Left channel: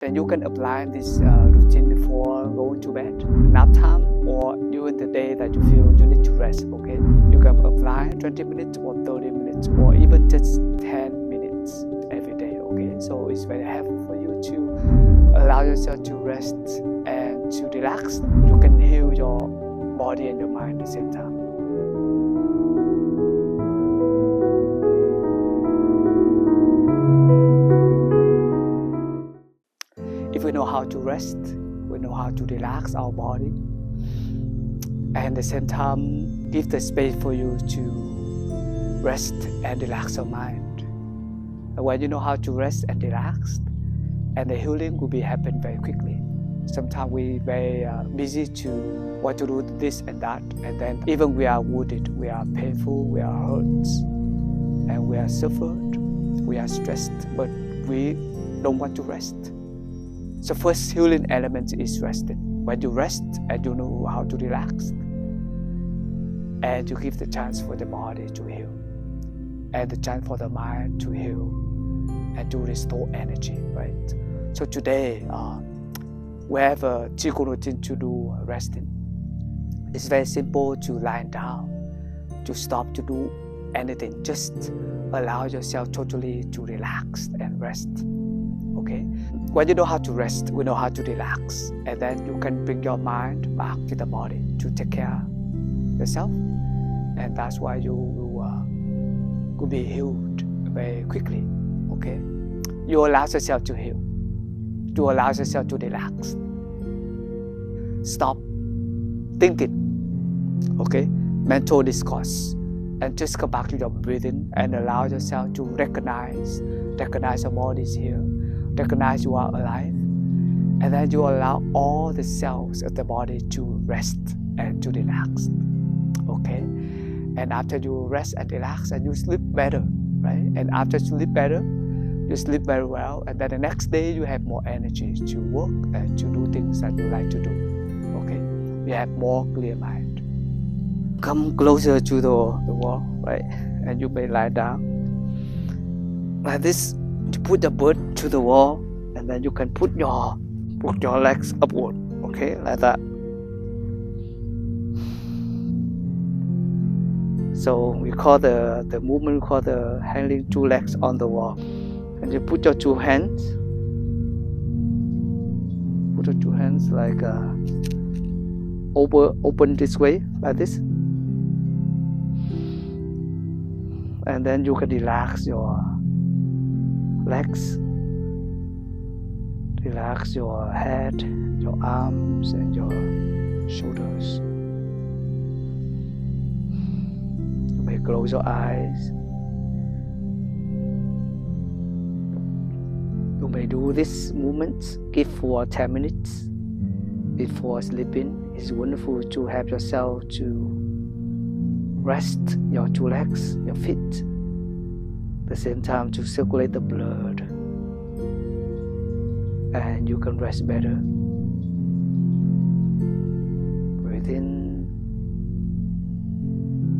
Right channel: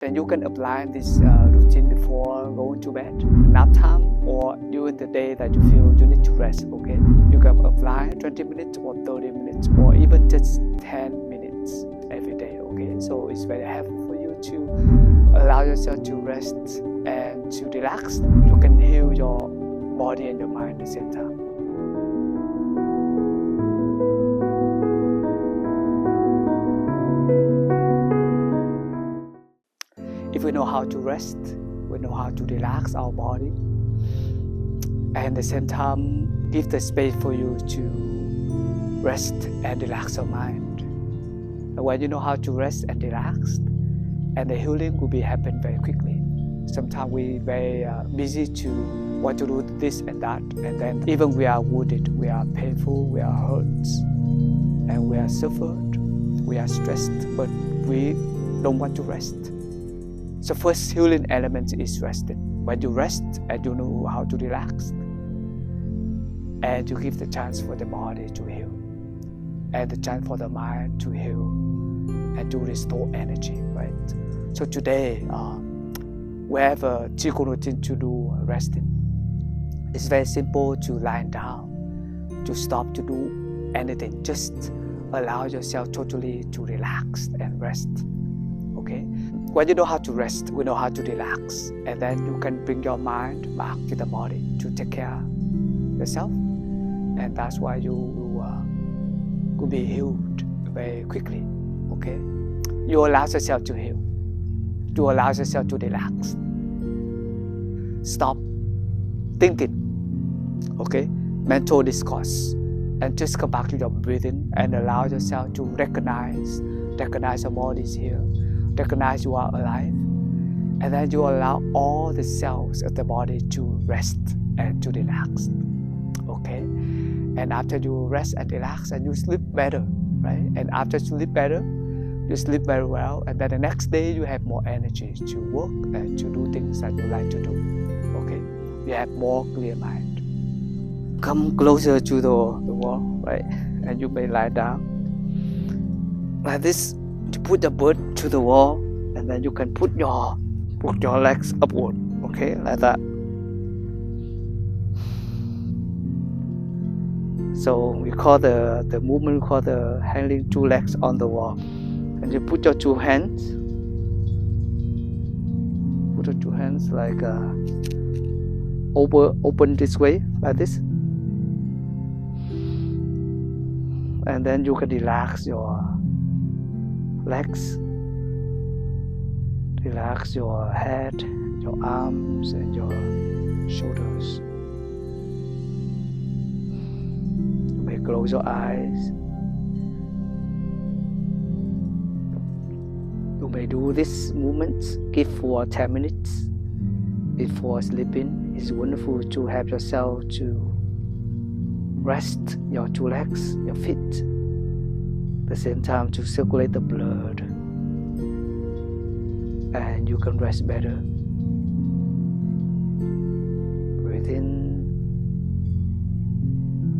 Then you can apply this routine before going to bed, nap time, or during the day that you feel you need to rest, okay? You can apply 20 minutes or 30 minutes or even just 10 minutes every day, okay? So it's very helpful for you to allow yourself to rest and to relax. You can heal your body and your mind at the same time. If we know how to rest, we know how to relax our body, and at the same time give the space for you to rest and relax your mind. And when you know how to rest and relax, and the healing will be happen very quickly. Sometimes we very busy to want to do this and that, and then even we are wounded, we are painful, we are hurt, and we are suffered, we are stressed, but we don't want to rest. So first healing element is resting. When you rest and you know how to relax, and you give the chance for the body to heal, and the chance for the mind to heal, and to restore energy, right? So today, we have a Qigong routine to do resting. It's very simple to lie down, to stop to do anything. Just allow yourself totally to relax and rest. Okay? When you know how to rest, we know how to relax, and then you can bring your mind back to the body to take care of yourself, and that's why you will be healed very quickly. Okay? You allow yourself to heal. You allow yourself to relax. Stop thinking. Okay? Mental discourse, and just come back to your breathing and allow yourself to recognize your body is here. Recognize you are alive, and then you allow all the cells of the body to rest and to relax. Okay? And after you rest and relax, and you sleep better, right? And after you sleep better, you sleep very well, and then the next day you have more energy to work and to do things that you like to do. Okay? You have more clear mind. Come closer to the wall, right? And you may lie down like this. To put the butt to the wall, and then you can put your legs upward, okay, like that. So we call the movement called the hanging two legs on the wall. And you put your two hands, like open this way, like this, and then you can relax your legs, relax your head, your arms, and your shoulders. You may close your eyes. You may do this movement, give for 10 minutes before sleeping. It's wonderful to have yourself to rest your two legs, your feet, the same time to circulate the blood, and you can rest better. Breathe in,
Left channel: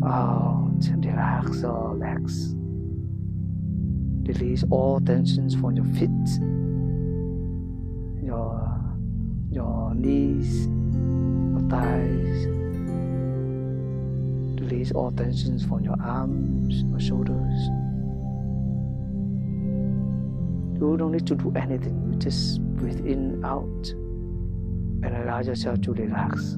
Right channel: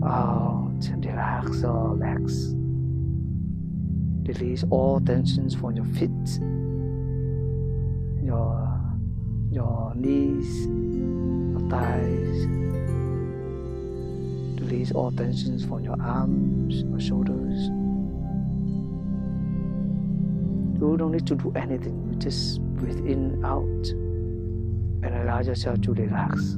out, relax your legs. Release all tensions from your feet, your knees, your thighs. Release all tensions from your arms, your shoulders. You don't need to do anything. You just breathe in, out, and allow yourself to relax.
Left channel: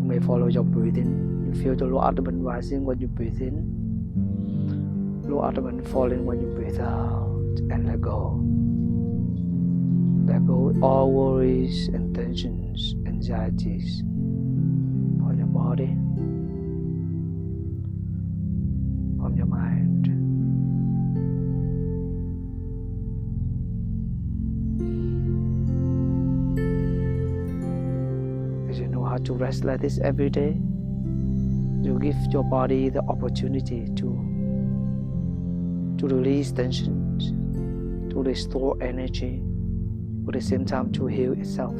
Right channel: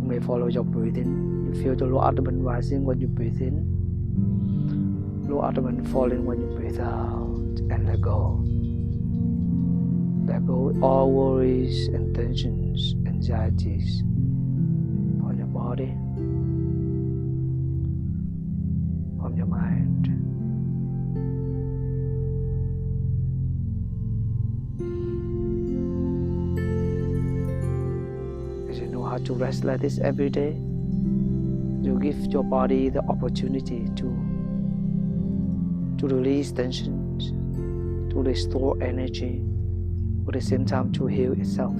You may follow your breathing. You feel the lower abdomen rising when you breathe in, lower abdomen falling when you breathe out, and let go. Let go all worries and tensions, anxieties from your body, from your mind. As you know how to rest like this every day, you give your body the opportunity to release tensions, to restore energy, at the same time to heal itself.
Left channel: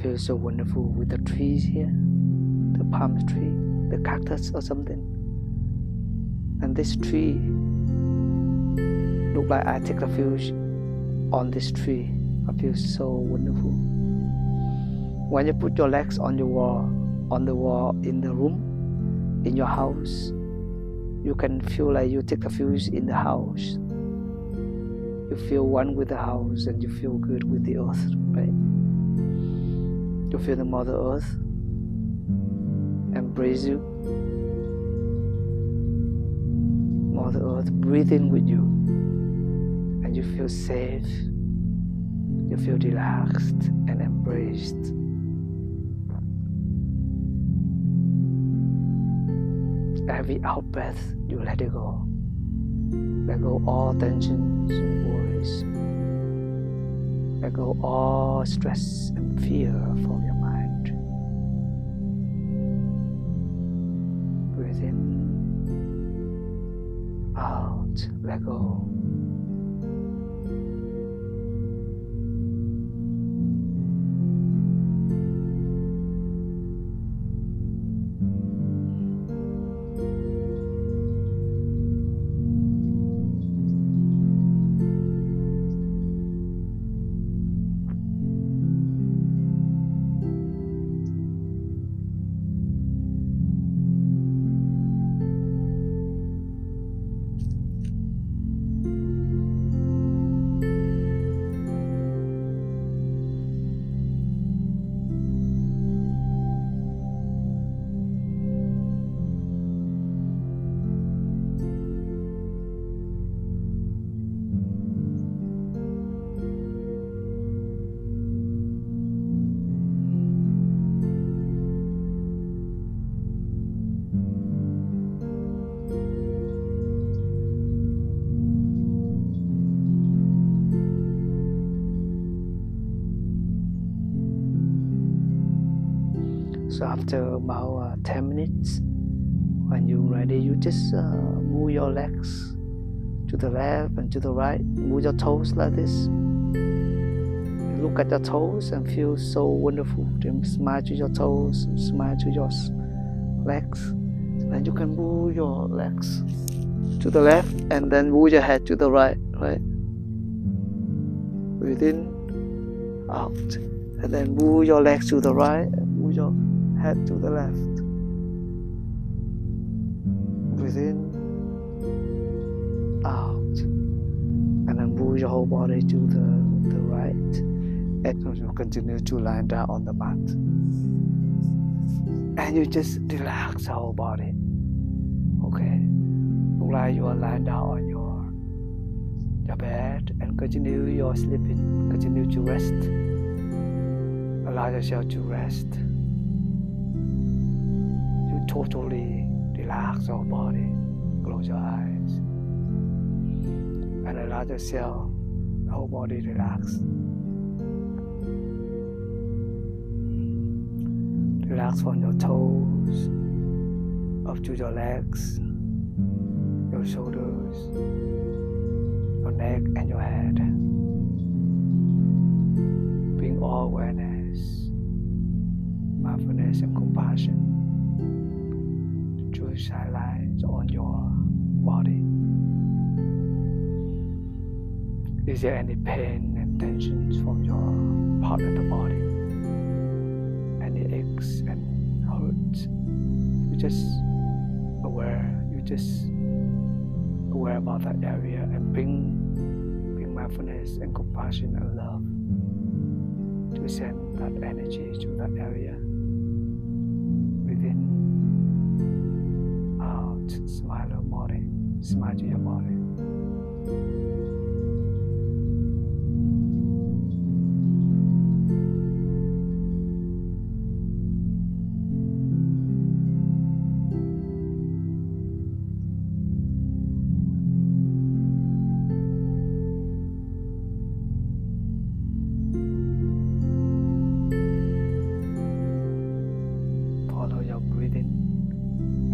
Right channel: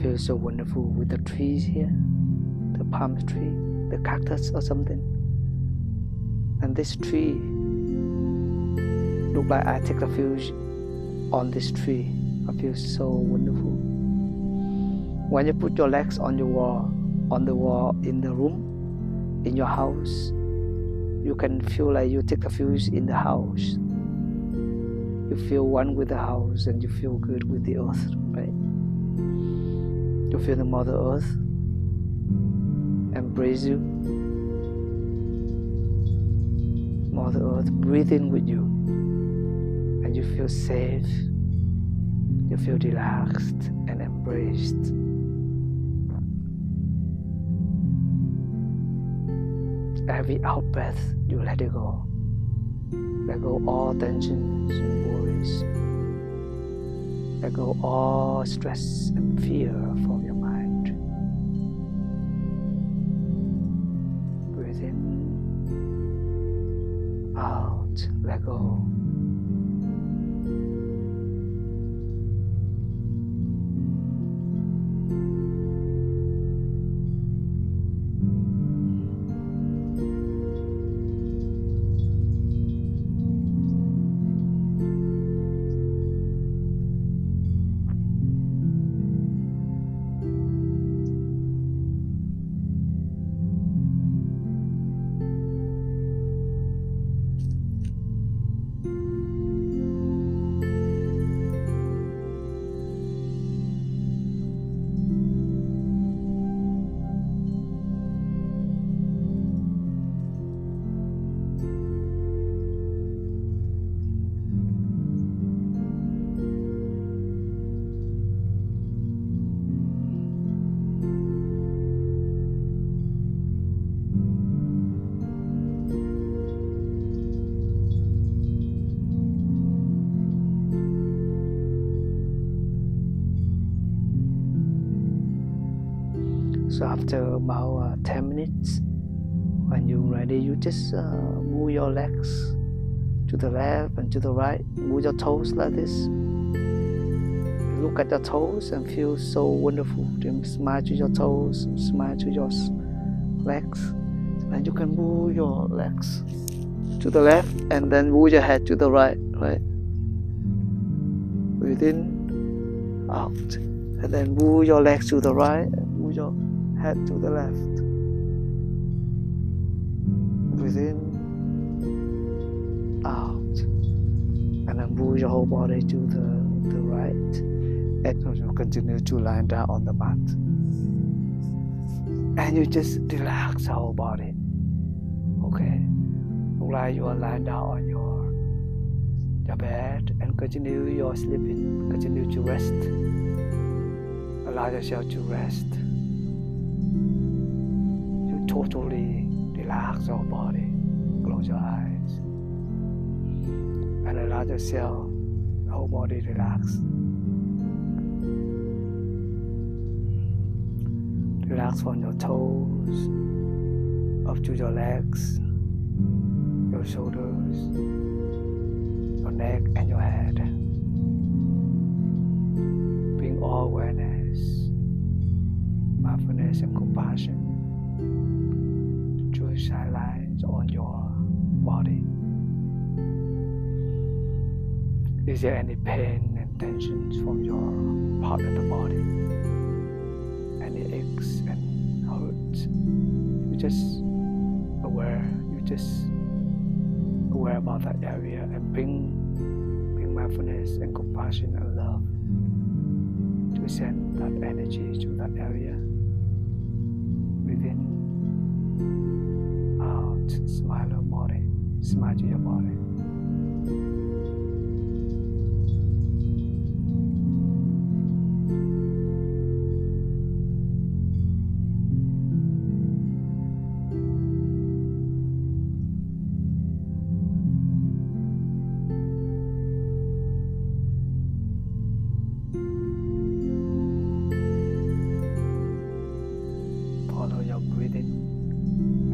feels so wonderful with the trees here, the palm tree, the cactus or something. And this tree look like I take refuge on this tree. I feel so wonderful. When you put your legs on the wall in the room, in your house, you can feel like you take refuge in the house. You feel one with the house and you feel good with the earth, right? You feel the Mother Earth embrace you. Mother Earth breathe in with you, and you feel safe. You feel relaxed and embraced. Every out breath, you let it go. Let go all tensions and worries. Let go all stress and fear from your mind. Breathe in, out, let go. So after about 10 minutes, when you're ready, you just move your legs to the left and to the right. Move your toes like this. Look at your toes and feel so wonderful. Then smile to your toes, smile to your legs. And you can move your legs to the left and then move your head to the right, right? Breathe in, out. And then move your legs to the right and move your head to the left. Breathe in, out, and then move your whole body to the right. And so you continue to lie down on the mat. And you just relax the whole body. Okay? Look like you are lying down on your bed and continue your sleeping. Continue to rest. Allow yourself to rest. You totally relax your body. Close your eyes. And allow yourself, the whole body relax. Relax from your toes, up to your legs, your shoulders, your neck and your head. Bring all awareness, mindfulness and compassion to shine lines on your body. Is there any pain and tensions from your part of the body? Any aches and hurts? You just aware about that area and bring mindfulness and compassion and love to send that energy to that area. Within, out, smile your body, smile to your body. Follow your breathing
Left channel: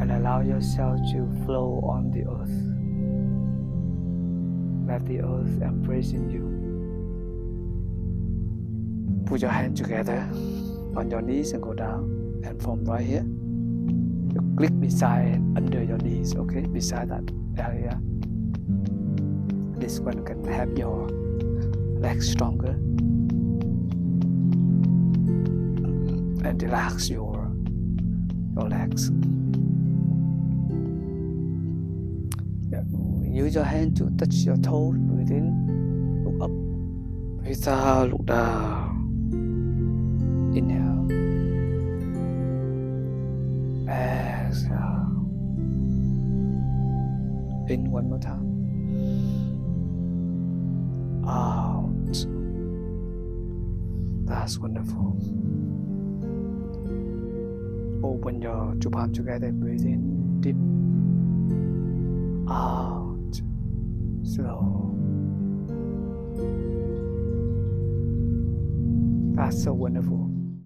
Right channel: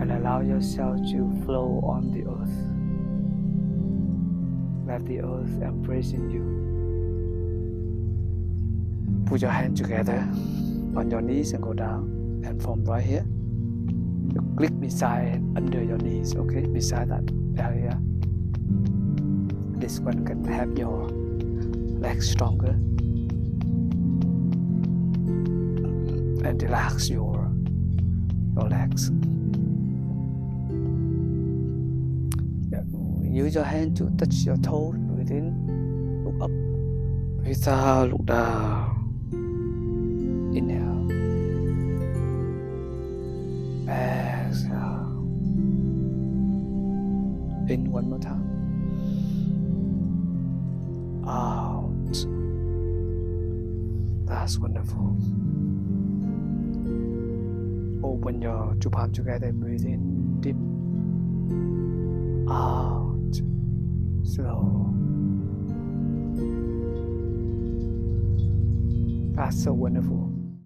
and allow yourself to flow on the earth. Let the earth embrace in you. Put your hands together on your knees and go down. And from right here, you click beside under your knees, okay, beside that area. This one can help your legs stronger and relax your legs. Use your hand to touch your toes. Breathe in, look up. Breathe out, look down. Inhale. Exhale. In one more time. Out. That's wonderful. Open your two palms together. Breathe in deep. Out. Slow. That's so wonderful.